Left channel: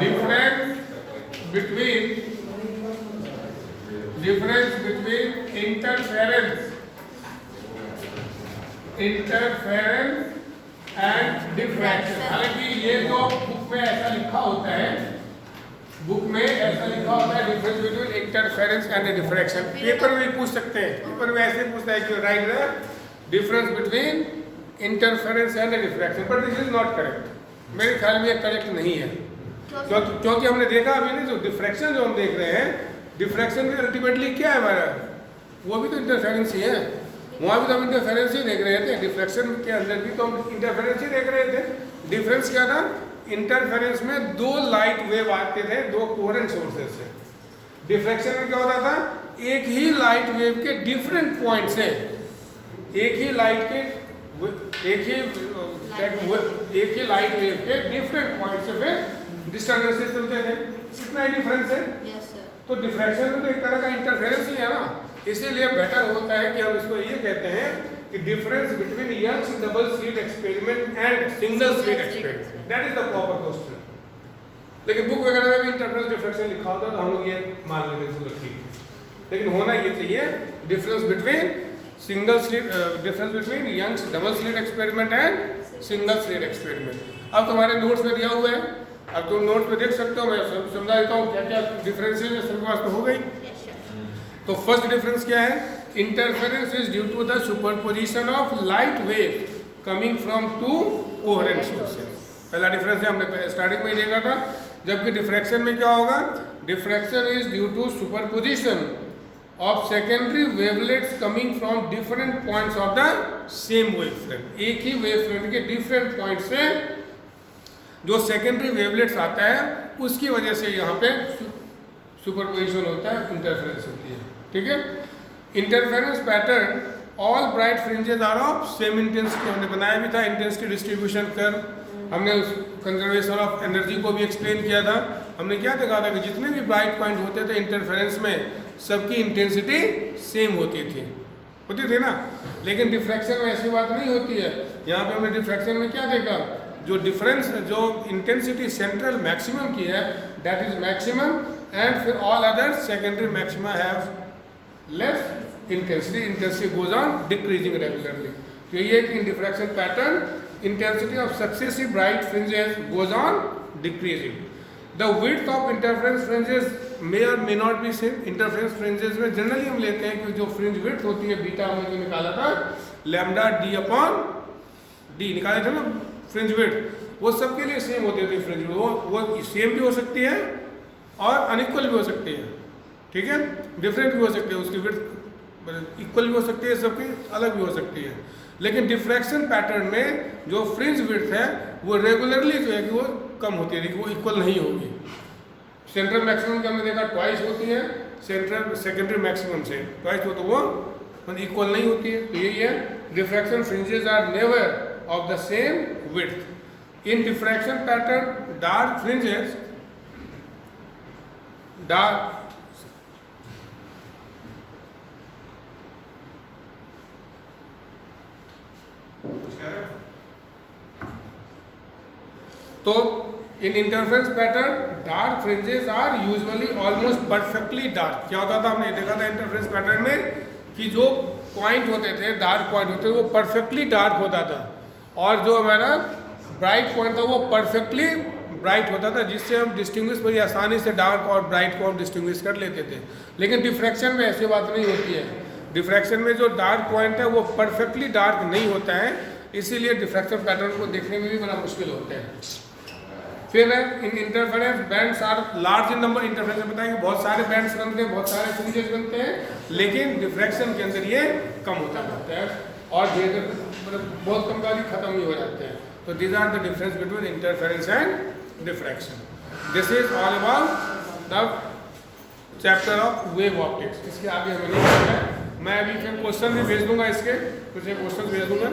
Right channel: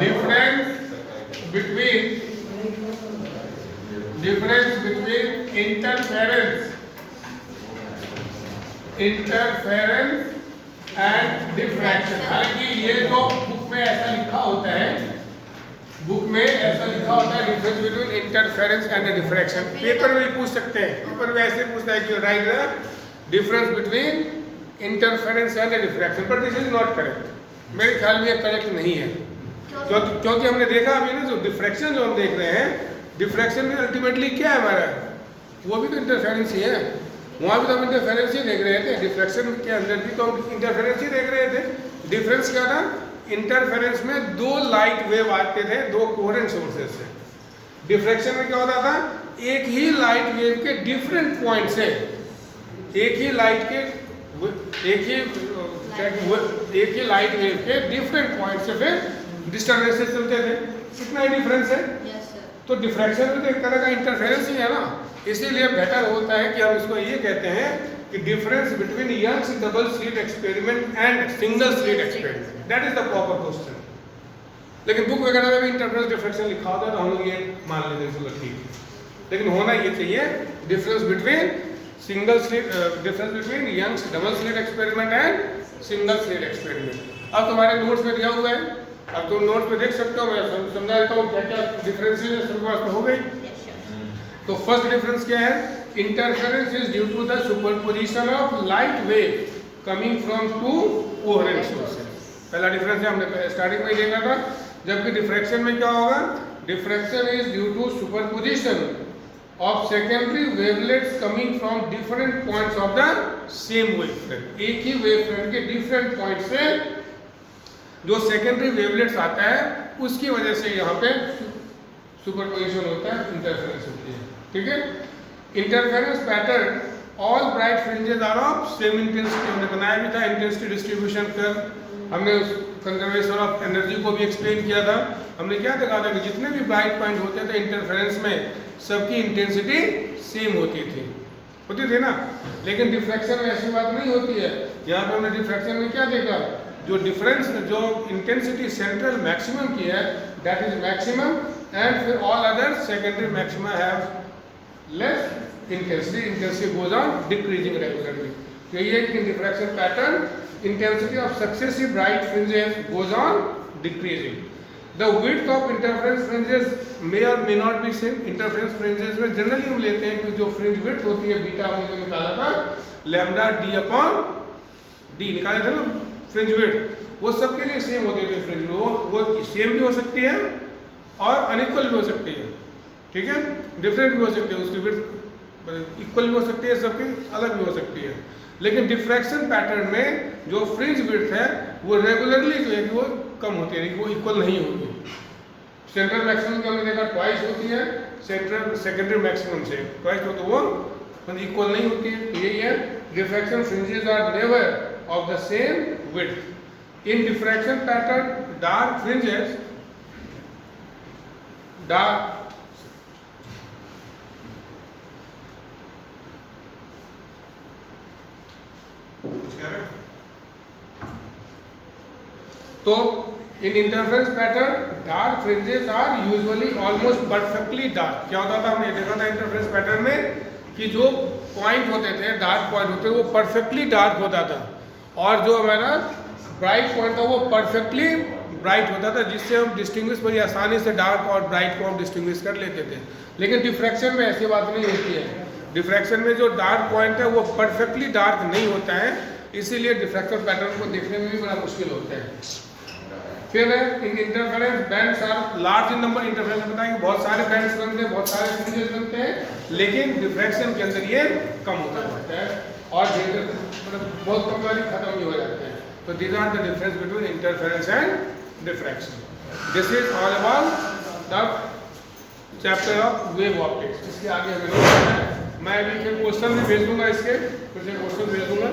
difference between interference and diffraction. हालांकि ये जो बुक में ऐसा लिखा होता है, difference between interference and diffraction. Paper में भी पूछ सकते हैं, पेपर में ऐसे पूछता है कि right the difference between interference and diffraction, but this is not correct. मेरे ख्याल में ये करेक्ट नहीं है, क्योंकि हमने देखा अभी ना जो डिफ्रैक्शन जो हम देख रहे हैं, डिफ्रैक्शन में अल्टीमेटली क्या है हमारा, वो भी तो इंटरफेरेंस ही है। वहाँ भी तो हम इंटरफेरेंस ही देख रहे थे, डिफ्रैक्शन के अंदर भी तो हम इंटरफेरेंस ही देख रहे थे। डिफरेंस क्या था, इंटरफेरेंस में दो लाइट वेव आते थे दो कोहेरेंट सोर्सेज से। डिफ्रैक्शन में क्या होता था, एक ही लाइट वेव के डिफरेंट पॉइंट से, एक ही लाइट वेव के डिफरेंट पॉइंट से फिर डिस्टर्बेंसेस चलते थे। कितना ही डिफरेंस है। तो डिफ्रैक्शन में तो एक तरह का इंटरफेरेंस ही है ना, इसीलिए बेटर होता है कि हम इसको ये कहते हैं कि difference between Young's double slit experiment and single slit experiment, that is the proper question. लेकिन बुक वगैरह में भी इंटरफेरेंस डिफ्रैक्शन लिखा होता है तो हम लोग ये मान लेते हैं, चलो ठीक है। लेकिन होना ये चाहिए difference between difference between Young's double slit experiment and single slit experiment. अब तुम्हारे नोट्स में दिया हुआ है, अब तुम नोट्स में देख सकते हो, मैं समझा देता हूँ क्या क्या डिफरेंस है, सबके पास तो हो गई। तो फर्स्ट डिफरेंस क्या है, interference is due to the superposition of light wave coming from two coherent sources. पहला डिफरेंस है, हमने स्टार्टिंग में देखा था। जबकि डिफ्रैक्शन में क्या होगा, diffraction is due to superposition of secondary wavelets coming from different points of the same wavefront. एक ही वेवफ्रंट के डिफरेंट पॉइंट से जो सेकेंडरी वेवलेट्स आता है उसकी वजह से यहाँ पे सुपरपोजिशन होता है, इंटरफेरेंस होती है। ठीक है, interference pattern, all bright fringes are of same intensity. हमने बनाया भी था इंटेंसिटी डिस्ट्रीब्यूशन कर, हमने कंजर्वेशन ऑफ एनर्जी को भी एक्सप्लेन किया था। हमने क्या देखा था कि जितने भी ब्राइट पॉइंट होते थे इंटरफेरेंस में, सबकी इंटेंसिटी सेम होती थी ना। लेकिन डिफ्रैक्शन में ऐसी बात नहीं होती है। यहाँ पे हमने डिफ्रैक्शन में क्या देखा, जो डिफरेंस जो इंटेंसिटी सेंट्रल मैक्सिमम की है दैट इज मैक्सिमम, एंड फिर all other secondary maxima have less intensity goes on decreasing regularly. तो ये कि in diffraction pattern intensity of successive bright fringes goes on decreasing. The width of interference fringes may और may not be same. Interference fringes में generally हम लेते हैं कि जो फ्रिंज विड्थ होती है, बीटा हमने जो निकाला था लैम्डा डी अपॉन डी निकाले थे ना फ्रिंज विड्थ, वो सबके लिए सेम होते थे। फ्रिंज वो सेम भी हो सकती है और अनइक्वल भी हो सकती है। ठीक है, डिफरेंट भी हो सकती है, उसकी विड्थ इक्वल भी हो सकती है, सबकी अलग भी हो सकती है। लेकिन डिफ्रैक्शन पैटर्न में जो फ्रिंज विड्थ है वो रेगुलरली जो है कि वो कम होती है, वो इक्वल नहीं होगी। सेंट्रल मैक्सिमम का हमने देखा ट्वाइस होती है, सेंट्रल सेकेंडरी मैक्सिमम से ट्वाइस हो, तो वो इक्वल नहीं होती है। यही है, diffraction fringes are never of the same width. In diffraction pattern dark fringes तो in interference pattern dark fringes are usually almost perfectly dark. क्या होता था, हमने देखा था इंटरफेरेंस पैटर्न में कि जो पॉइंट होते थे, डार्क पॉइंट होते थे, वो परफेक्टली डार्क होता था, और जो हमारा ब्राइट पॉइंट था वो परफेक्टली ब्राइट होता था, जिससे हम डिस्टिंग्विश बड़ी आसानी से डार्क और ब्राइट को हम डिस्टिंग्विश कर लेते थे। लेकिन डिफ्रैक्शन में ऐसी बात नहीं होती है। डिफ्रैक्शन में जो डार्क पॉइंट है वो परफेक्टली डार्क नहीं होता है, इसीलिए डिफ्रैक्शन पैटर्न को देखने में भी बड़ा मुश्किल होता है। फिर interference bands are large in number. Interference बताएंगे बहुत सारे बैंड्स बनते हैं, बहुत सारे फ्रिंजेस बनते हैं, लेकिन डिफ्रैक्शन के अंदर ये कम होता जाता है और धीरे धीरे बहुत कम वाली खत्म ही हो जाते हैं। तो these are the difference between interference and diffraction. This is all about the chapter of wave optics. इसके आगे हमें नहीं पढ़ना है। मैं अभी फिर क्वेश्चन भी भेज दूंगा, इसके कुछ क्वेश्चन भेज दूंगा।